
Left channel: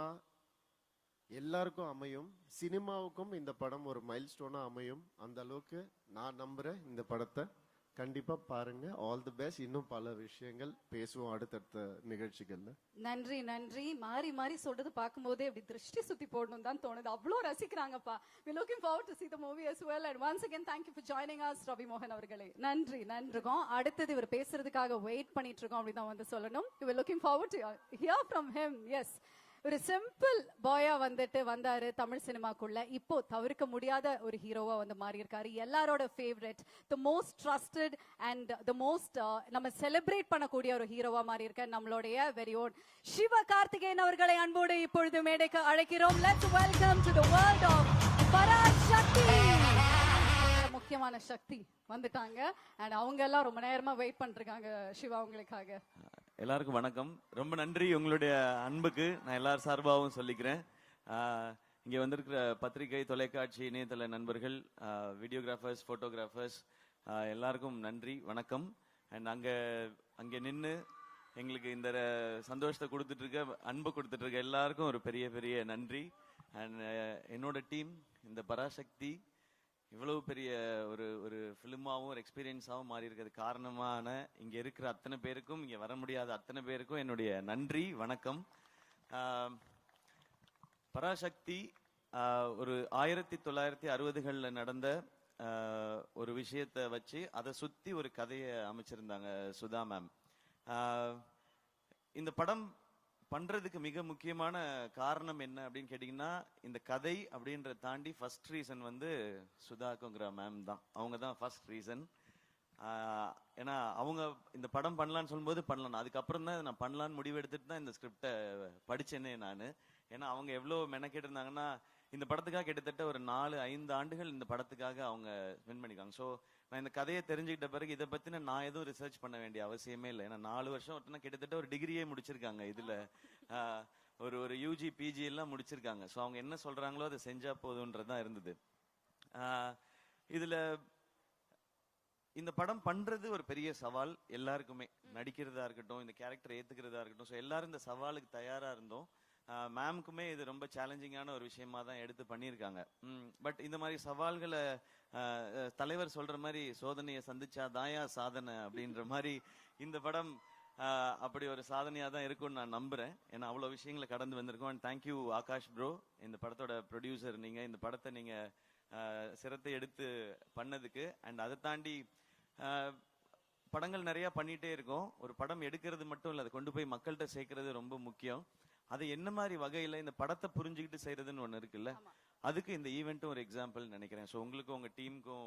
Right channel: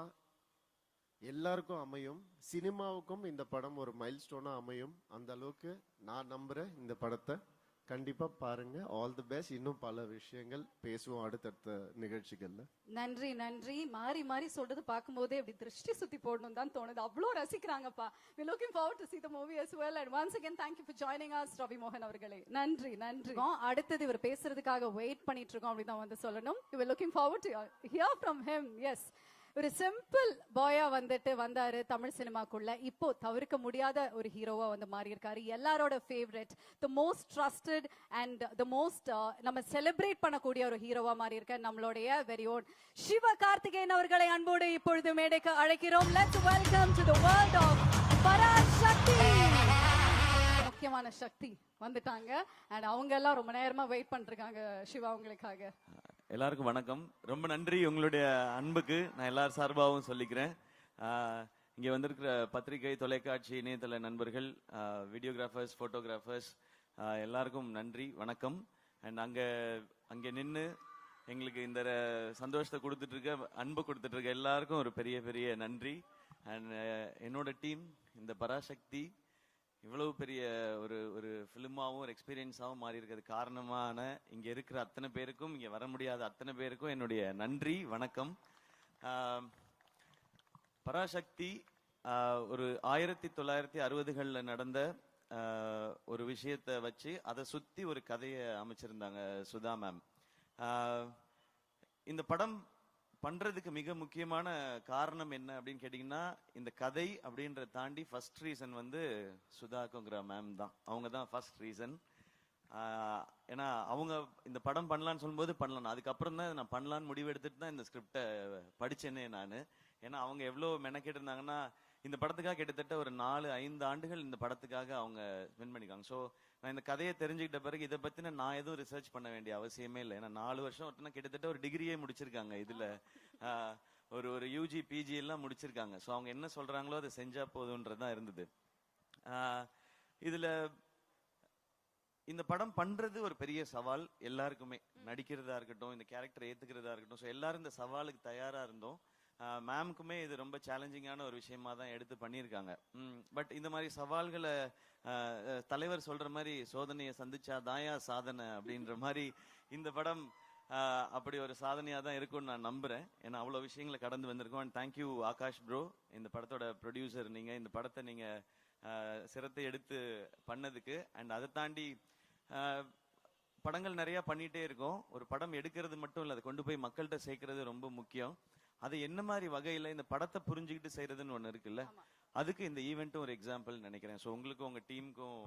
எல்லாருக்கும் அமையும். சினிமாவுக்கும் இந்த படம் ஒரு மைல்ஸ்டோனா அமையும். அந்த அளவுக்கு நான் நம்புறேன். இந்த படத்தை கண்டிப்பா பாருங்க. All the best. இன்னும் பல விஷயங்கள் பேசுவோம் அடுத்த நிகழ்ச்சிகள். நன்றி. மாறி சொல்றது பார்க்கும்போது திருஷ்டி சுத்தி போடணும் தான் தோணுது. அவ்வளவு ரசிக்கிறாங்கப்பா. We looking forward to see the movie as well. And once again thank you for joining us, Ravi Mohan அவர்களே. நன்றி. அடுத்து இவர் பேசுறதுக்காக வெயிட் பண்ணிட்டு இருக்கோம் அப்படின்னு அவங்க சொல்லணும். We were looking forward to hear from him. Yes. ஒரு சிம்பிள் பாயா வந்தாரு தமிழ் சினிமாக்குள்ள. இப்போ தவிர்க்க முடியாத ஒரு ஹீரோவா வந்து மாறி இருக்காரு. எல்லாரோட favourite, the most trusted and the most நம்ம செலிப்ரேட் பண்ணக்கூடிய ஒரு ஹீரோவா மாறி இருக்காரு நம்மளுடைய very own சிவகார்த்திகேயன் அவர்களை அன்போடு இப்பொழுது மேடைக்கு அழைக்கிறோம். Let's welcome to the world of Parasakthi. முக்கியமான சக்தி வந்துட்டாங்க. and அவங்க எல்லாம் ரொம்ப நேரமா வெயிட் பண்ணிருக்காங்க சிவா அவங்களுக்காக. எல்லாருக்கும் வணக்கம். ரொம்ப நன்றி உங்களுடைய அன்புக்கு நான் எல்லா சார்பாகவும் சொல்லிக்கிறேன். இங்க வந்து பத்திரிகை, தொலைக்காட்சி, இணையதள நண்பர்கள், வீடியோகிராஃபர்ஸ், போட்டோகிராஃபர்ஸ் எல்லாருக்கும் நன்றி, வணக்கம். நாங்க அங்க நின்று எங்களுக்கு இந்த சந்தோஷத்தை கொடுத்துருக்க, அன்பு கொடுத்துருக்க எல்லாருக்கும் ஒரு பெரிய பெரிய நன்றி. அண்ட் என்னோட டீம் இந்த பராசக்தி இவ்வளவு பெரிய ஒரு ஃபிலிமாவும் ஒரு எக்ஸ்பீரியன்ஸாகவும் மாறி இருக்கிறது காரணமான இங்க இருக்கிற அத்தனை பேருக்கும், இங்க வர முடியாத அத்தனை பேருக்கும் என்னுடைய நன்றி, வணக்கம். பராசக்தி ஒரு 1960களில் நடந்த ஒரு விஷயத்தை வச்சு அதை சுத்தி ஒரு கதையை அமைச்சிருந்தாங்க சுதா மேம். இந்த படம் பண்றதுக்கு மிக முக்கியமான காரணம் என்ன அப்படின்னு கேட்டீங்கன்னா, இந்த கதை அப்படின்றத தாண்டி ஃபர்ஸ்ட் ரீசன் வந்து சுதா மேம் தான். அவங்க தான் ஃபர்ஸ்ட் ரீசன். ஏன்னா அவங்க இந்த படம் பண்ணலாம்னு சொல்லும்போது பண்ணலாம், அதுக்கப்புறம் தான் நான் பண்ணலாம்னு முடிவு எடுத்துட்டு தான் இந்த ஸ்கிரிப்டை படிச்சேனே நான். ஏன்னா அவங்க எவ்வளவு மெனக்கிட்டு இருந்தாங்கன்னா, இந்த படத்துக்காக கிட்டத்தட்ட ஒரு 4-5 ஆண்டுகள் இந்த படத்துக்காக அவங்க வின் பண்ணிருக்காங்க. ஸோ நான் இந்த கதையை தெரிஞ்சுக்கிட்ட பிறகு இதை பத்தி நான் எதுவும் ரிசர்ச் பண்ண வேண்டிய அவசியமே இல்லை. 4 வருஷம் கிட்டத்தட்ட ஒரு டிகிரியே முடிச்சிருக்காங்க, இல்ல ஒரு UG PG எல்லாம் முடிச்சிருக்காங்க. ஸோ அவங்க என்ன சொல்றாங்களோ அதை செஞ்சா போதும்ன்றதான் இருந்தது. இதுல இந்த படம் பண்றது ஒரு பெரிய சவால் எல்லாருக்குமே, நடிக்கிறதா இருக்கட்டும், இந்த கேரக்டரை ஏத்துக்கிறதா இருக்கட்டும், எல்லாரும் இந்த சவாலுக்கு தயாரா இருந்தோம். மேமுக்குமே இது ரொம்ப சேலஞ்சிங்கான ஒரு விஷயமா தான் எடுத்து பண்ணிருக்காங்க. பட் இந்த மாதிரி சவால்ல தலைவர் சொல்ற மாதிரி சோதனையை சந்திச்சாதான் சாதனை அப்படின்ற மாதிரி இந்த படம் அப்படி ஒரு சாதனையா தான் இருக்கும்னு நான் நம்புறேன். ஏன்னா அவ்வளவு விஷயங்கள் கடந்து வந்திருக்கோம். தேங்க்யூ ஆகாஷ் ப்ரோ, இந்த படத்தோட ப்ரொடியூசர் நீங்க, இந்த படத்தை நீங்க சிரத்தை எடுத்து பண்ணதுக்கு. அண்ட் அதை தாண்டி படங்கள் நிறைய பண்ணிட்டே இருக்கோம். ஒரு படம் எடுக்கிறது மட்டும் இல்ல, கொண்டு போய் மக்கள்கிட்ட சேர்க்கிறது ரொம்ப முக்கியம். அது என்ன மாதிரி வகையில இந்த படத்தை புரிஞ்சுக்கிட்டு செய்யறதுன்னு ஒண்ணு இருக்குல்ல, அதுக்கு இந்த ஈவென்ட் ஒரு எக்ஸாம்பிள் நினைக்கிறேன். ஸோ உங்களுக்கும் உங்க டீமுக்கும்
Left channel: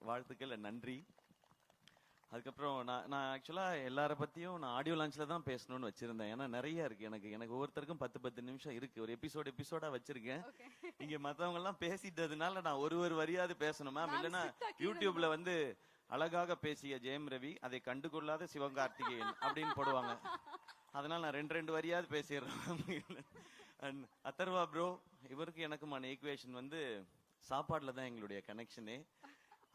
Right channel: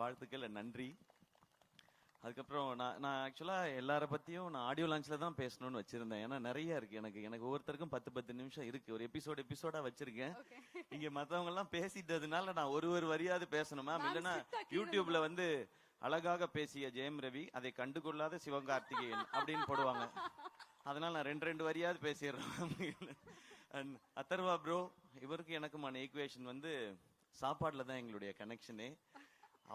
வாழ்த்துக்கள், நன்றி. அதுக்கப்புறம் நான் ஆக்சுவலா எல்லார பத்தியும் நான் ஆடியோ லான்ச்ல தான் பேசணும்னு வச்சிருந்தேன். ஏன்னா நிறைய இருக்கு எனக்கு ஒவ்வொருத்தருக்கும் 10 நிமிஷம் இருக்கு. ஒரு எபிசோடா வச்சிருக்கேன். இங்க மத்தவங்க எல்லாம் பேசிட்டதுனால நான் ஒரு வரியாவது பேசணும்னா யூடியூப்ல வந்து அழகாக பேசிய ஜெயம் ரவி அதை கண்டுகொள்ளாத சிவகார்த்திகேயன் அப்படின்னு போடுவாங்க. அதனால நான் 2 வரியாவது பேசிடுறேன். அத்தர்வா ப்ரோ இவருக்கு எனக்குமான ஈக்குவேஷன் வந்து சாப்பாடுல தான் எங்களுடைய கனெக்ஷனே.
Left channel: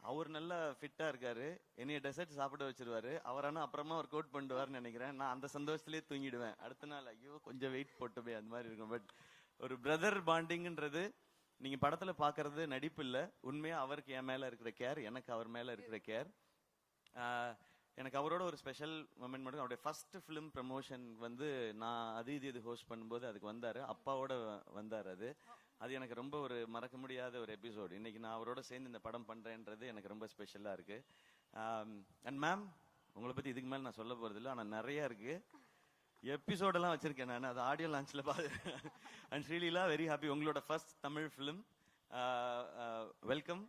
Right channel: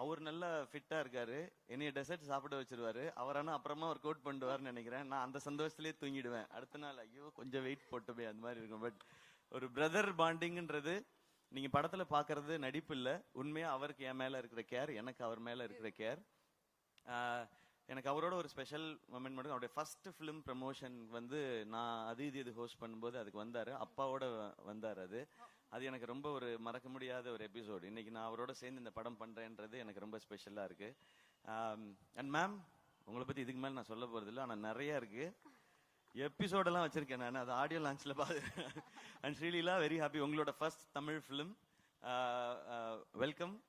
அவர் நல்லா ஃபிட்டா இருக்காரு, என்னைய டெசர்ட் சாப்பிட வச்சிருவாரு. அவரான அப்புறமா கோட் பண்ணுவாருன்னு நினைக்கிறேன். நான் அந்த சந்தோஷத்திலே தூங்கிடுவேன். அடுத்த நாள் ஐயோ கொஞ்சம் வெயிட் போட்டு அந்த மாதிரி இருக்கும். பட் ஒரு பிரதர் பாண்டிங்ன்றது நீங்க படத்துல பாக்குறது நடிப்பு இல்ல, உண்மையா அவருக்கு என் மேல இருக்க கேர், எனக்கு அவர் மேல இருக்க கேர். எனக்கு அவரோட ஒரு ஸ்பெஷல் மொமெண்ட். அவரோட ஃபர்ஸ்ட் ஃபிலிம் ப்ரமோஷன் வந்து நான் அது ஹோஸ்ட் பண்ணும்போது அது வந்தாரு, அப்பாவோட வந்தாரு. அது எனக்கு ரொம்ப ஒரு மறக்க முடியாத ஒரு எபிசோட். இன்னைக்கு நான் அவரோட சேர்ந்து இந்த படம் பண்றேன்றது எனக்கு ரொம்ப ஸ்பெஷலா இருக்கு. அண்ட் மேம் உங்களை பத்தி இதுமே நான் சொல்ல போறதில்ல, ஆனா நிறைய இருக்கு. எபிசோடெல்லாம் வச்சிருக்கேன் நான் ஆடியோ லான்ச்ல அண்ட் ரியலி வெரி ஹாப்பி. உங்களோட first Tamil film welcome.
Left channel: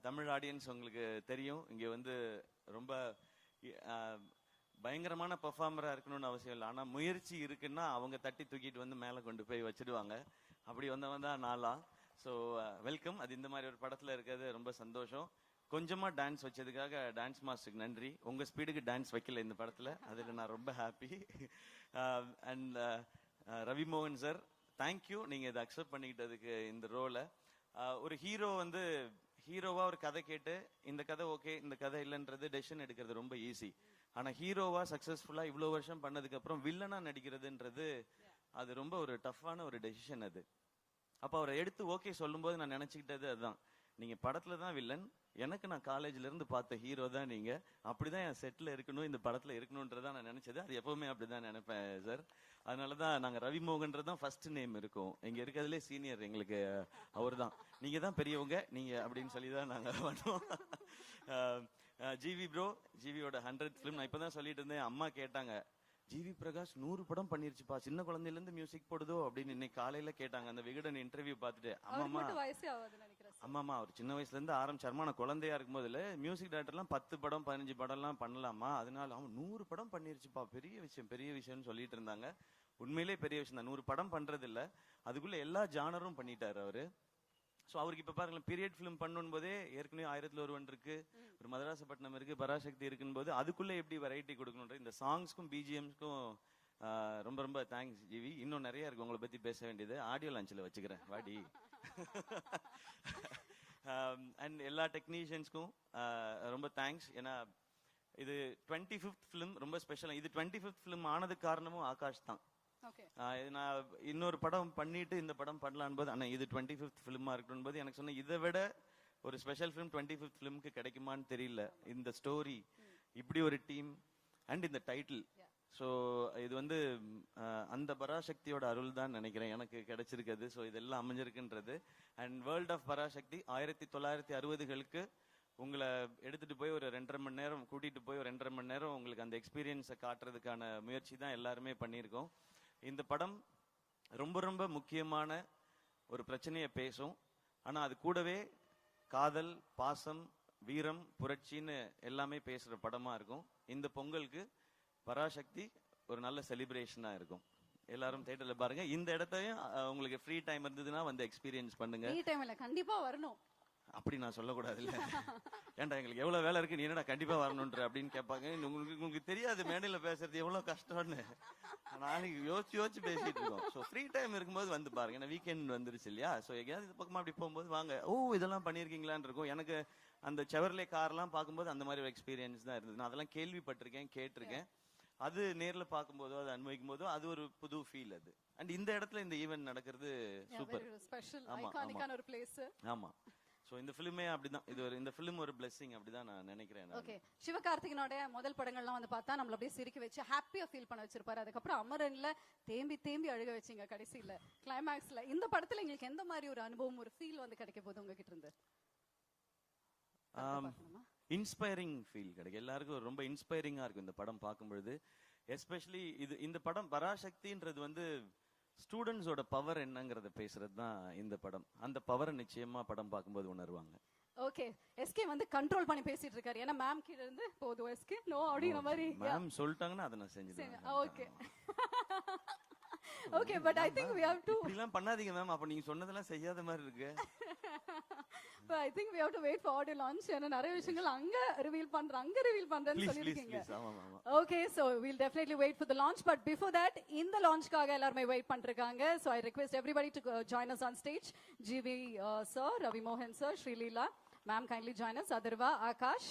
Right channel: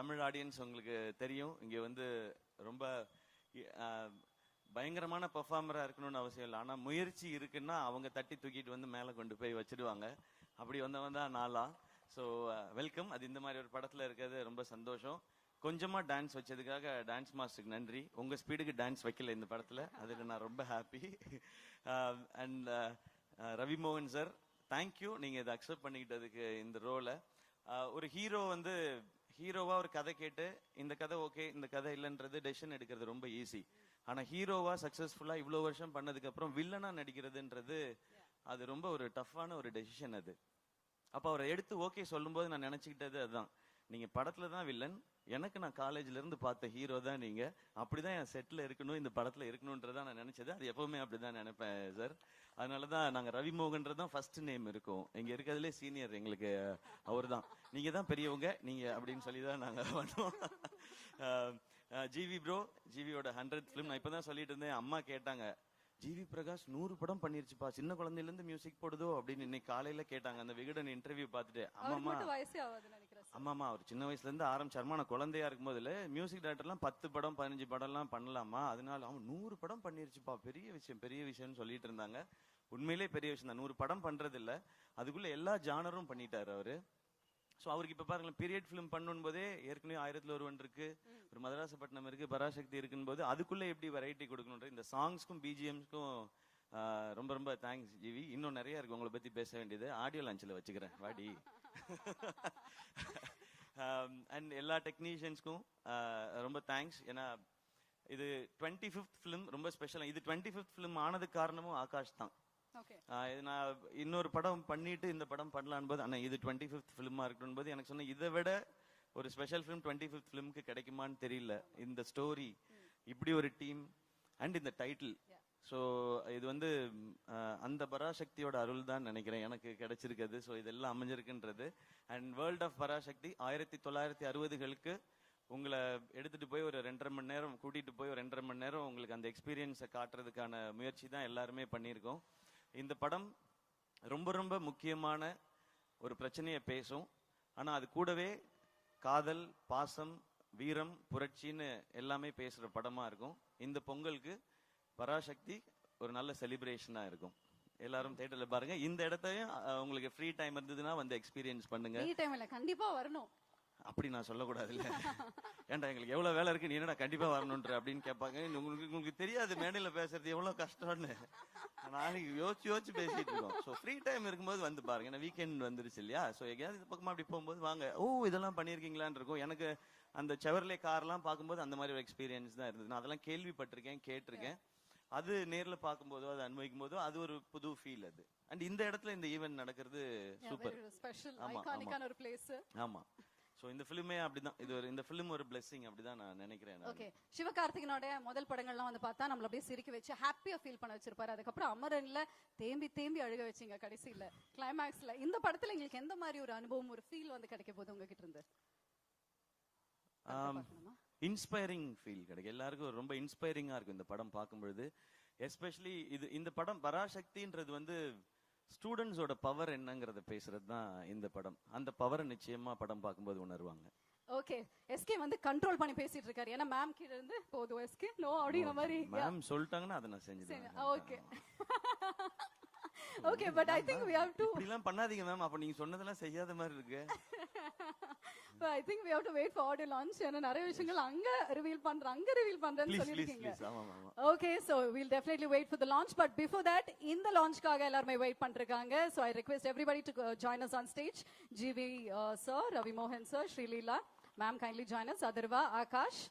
Tamil audience உங்களுக்கு தெரியும், இங்க வந்து ரொம்ப பயங்கரமான பெர்ஃபார்மரா இருக்கணும்னு அவசியம் இல்லை. ஆனா முயற்சி இருக்குன்னா அவங்க தட்டி தூக்கிட்டு வந்து மேல கொண்டு போய் வச்சிருவாங்க. அப்படி வந்தவங்க நாளா. So welcome. அது இந்த மாதிரி படத்துல இருக்கிறது ரொம்ப சந்தோஷம். கொஞ்சமா டான்ஸ் வச்சதுக்காக டான்ஸ் மாஸ்டருக்கு நன்றி. உங்க ஸ்பீடுக்கு டான்ஸ் வைக்கல இந்த படத்துல, அதுல நான் ரொம்ப ஹாப்பி. அண்ட் ரவி மோகன் சார் தேங்க்யூ, நீங்க இதை அக்செப்ட் பண்ணிக்கிறதுக்கு இந்த ரோல. ஒரு ஹீரோ வந்து ஹீரோவா ஒரு கதை கேட்டு இந்த கதை ஓகே இந்த கதை இல்லைன்றது டெசிஷன் எடுக்கிறது ரொம்ப ஈஸி. ஆனா ஹீரோவா சக்சஸ்ஃபுல்லா இவ்வளவு வருஷம் பண்ணதுக்கு அப்புறம் வில்லனா நடிக்கிறதுன்றது அது ரொம்ப ஒரு டஃப்பான ஒரு டெசிஷன் அது. அப்ப அவர் எடுத்து ஓகே சொல்லும்போது நான் நினைச்சிட்டது அதுதான், நீங்க படத்துல தான் வில்லன், எனக்கு நான் காலேஜ்ல இருந்து பார்த்த ஹீரோ தான் நீங்க, அப்படிதான் செட்ல இருக்கணும், இந்த படத்துல இருக்கணும்ன்றத நான் நினைச்சது. எப்பவுமே அப்படிதான் நினைப்பேன் சார். அதனாலதான் நான் ரவி மோகன் தான் ஃபர்ஸ்ட் நேம் இருக்கும். எங்க இருக்கிறதுல சீனியர் எங்களுக்கு அவர்தான். நீங்க தான் பெரியவங்க நீங்க அப்படின்னு சொல்லி ஜிவி ப்ரோ, ஜிவியோட 100 ஃபிலிம் நான் இப்பதான் சொல்லிட்டு இருந்தேன். அம்மா கேட்டாங்க, ஜிவி பிரகாஷ் 100 படம் பண்ணிருப்பா, சின்ன குழந்தையில இருந்து மியூசிக் போடுதோ அப்படின்னு இன்னைக்கு காலையில கேட்டாங்க. அந்த விகடன் இன்டர்வியூ பார்த்து அம்மா சின்ன வயசுல இருந்து ஆரம்பிச்சாருமா, நான் குழந்தையா இருக்கும்போது மியூசிக் டைரக்டர்லாம் 10 படம் 15 படம் பண்ணலாமா, அதனால 100 படம் பண்ணிருப்பா, பெரிய விஷயம் சொல்லிட்டு இருந்தாங்க. உண்மையிலேயே பெரிய விஷயம். 100 படம் பண்றது இல்ல, அதுக்குள்ள எல்லா ஜானரும் பண்ணிட்டாரு அவரு. சோ அவருக்கு பாருங்க பீரியட் ஃபிலிம் பண்ணும்போதே ஏற்கனவே 1001 இருக்கு, ஒரு மதராஸ் பட்டம் இருக்கு, பராசக்தி இருக்கும்போது அதுக்குள்ள எப்படி வெரைட்டி கொடுக்கணும். இந்த சாங்ஸ்க்கும் பிஜிஎம்க்கும் ரொம்ப ரொம்ப தேங்க்ஸ் ஜிவி. இன்னும் நிறைய உங்களை பத்தி பேச வேண்டியது ஆடியோ லான்ச்ல வச்சுக்கிறேன் வாடி. அண்ட் எல்லா டெக்னீஷியன்ஸ்க்கும் ரொம்ப தேங்க்ஸ். ஏன்னா இது 25th ஃபிலிம் ரொம்ப ஸ்பெஷல். இது 25th ஃபிலிம் ஆனது காரணம் ஆகாஷ் தான். இன்னொரு படம் பண்ணிட்டு இந்த படம் பண்ணலாம்னு இது 25th ஃபிலிமா இருக்கும்போது எனக்கு சொன்ன இதை விட ஒரு ஸ்பெஷல் ஃபிலிம் 25th ஃபிலிமுக்கு கிடைக்குமான்னு தெரியல. இந்த ஸ்டோரி இப்படி ஒரு டீம் அண்ட் இந்த டைட்டில். ஸோ இது வந்து அந்த பராசக்தியோட அருள் தான் நினைக்கிறேன் எனக்கு கிடைச்சிருக்கிறது. ஸோ இதெல்லாம் அமைஞ்சிருக்கின்றது. அண்ட் வேர்ல்ட் ஆஃப் பராசக்தி 1960களுக்கு உங்களை எடுத்துட்டு போய் ஒரு 2.5 மணி நேரம் கூட்டிட்டு போய் ஒரு 2.5 மணி நேரம் உங்களுக்கு அந்த எக்ஸ்பீரியன்ஸை காட்டுறதுக்கான முயற்சி தான் எல்லாருமே பண்ணியிருக்கோம். இந்த படம் ரொம்ப ரொம்ப முக்கியமான ஒரு பிரச்சனையை பேசும். ஆனா அது கூடவே காதல், பாசம், வீரம், புரட்சின்னு எல்லாமே பேசுற படமா இருக்கும். இந்த பொங்கலுக்கு பராசக்தி ஒரு நல்ல செலிப்ரேஷனா இருக்கும். எல்லாரும் தேட்டர்ல பாருங்க. இந்த இடத்தை உங்களுக்கு ஃப்ரீ டைம் இருந்ததுன்னா வந்து எக்ஸ்பீரியன்ஸ் பண்ணுங்க. அப்படி நான் சொல்லக்கூடாது. ஏன்னா எவ்வளவு வேலை இருக்கு, கண்டிப்பா வரணும் அப்படின்னு கேட்பாங்க. உங்களுக்கு தெரியாது மேல வேலை செய்ய எவ்வளவு கஷ்டம்னு. நான் யோசிச்சு ஃப்ரீ டைம் இருக்கும்போது வந்து பாருங்க. வீக்கெண்ட் வந்துருச்சு இல்லையா, பக்கமா அப்படி போகும்போது வாங்க, ஓ இதெல்லாம் பண்ணிருக்கீங்களான்னு இருக்கும். எனக்கு அந்த செவர்லே காரெல்லாம் பார்க்கும்போது அந்த மாதிரி ஒரு எக்ஸ்பீரியன்ஸ் தான் இருக்கு. நான் அதெல்லாம் கேள்விப்பட்டிருக்கேன், கேட்டிருக்கேன். அது நேர்ல பார்க்கும்போது அதை அனுபவிக்கும் போது அது ஒரு புது ஃபீல். அது அண்ட் இந்த இடத்துல இந்த ஈவென்ட் நடக்கிறது சூப்பர். ஆமா. சோ இந்த ஃபிலிமே அப்படிதான். இது இந்த ஃபிலிம் ஒரு blessing அப்படிதான் நான் நினைக்கிறேன். ஓகே, சிவகார்த்திகேயனோட முதல் படம்லாம் வந்து பார்த்தா நம்மள அப்படியே சிரிக்க வச்சு ஹாப்பியா ஃபீல் பண்ண வச்சிருப்பாரு. அதுக்கப்புறம் அமரர்ல தேம்பி அழுக வச்சீங்க கடைசில கிளைமாக்ஸ்ல. இந்த படத்துல நீங்க எந்த மாதிரி ஒரு அனுபவம், ஒரு ஃபீல் வந்து கிடைக்க போகுது உங்களுக்கு இருந்தது? Inspiring feel. எல்லாரும் ரொம்ப இன்ஸ்பைரிங்கா இருக்கு இந்த படம் பார்க்கும்போது. எஸ்பெஷலி இந்த படம் பராசக்தின்றது வந்து ஸ்டூடெண்ட்ஸோட பவர் என்னங்கறத பேசுறது தான் இந்த படம். அந்த பவர் நிச்சயமா படம் பார்க்கும்போது உணர்வாங்க. ஓகே எஸ்கே வந்து கண்ட்ரோல் பண்ணி பேசிட்டு இருக்காரு ஏன்னா மேம் கிட்ட போது எஸ்கே நோ அப்படி மாதிரி மேம் சொல்லிட்டாங்க நான் செஞ்சேன் okay okay but I think we have to என்ன பண்ணாதீங்க மேம் அப்ப நீங்க சொன்னதெல்லாம் செய்யாத மாதிரி இருக்கு but I think we have to wait for the launch and நிறைய விஷயங்கள் அங்க ரிவீல் பண்றத சொல்லிருக்கீங்க okay so we'll definitely wait for the launch but before that in the launch காக எல்லாரும் wait பண்ணிருக்காங்க so I request everybody to join us on stage GV sir Ravi Mohan sir Sri Leela ma'am kindly join us Adarva Akash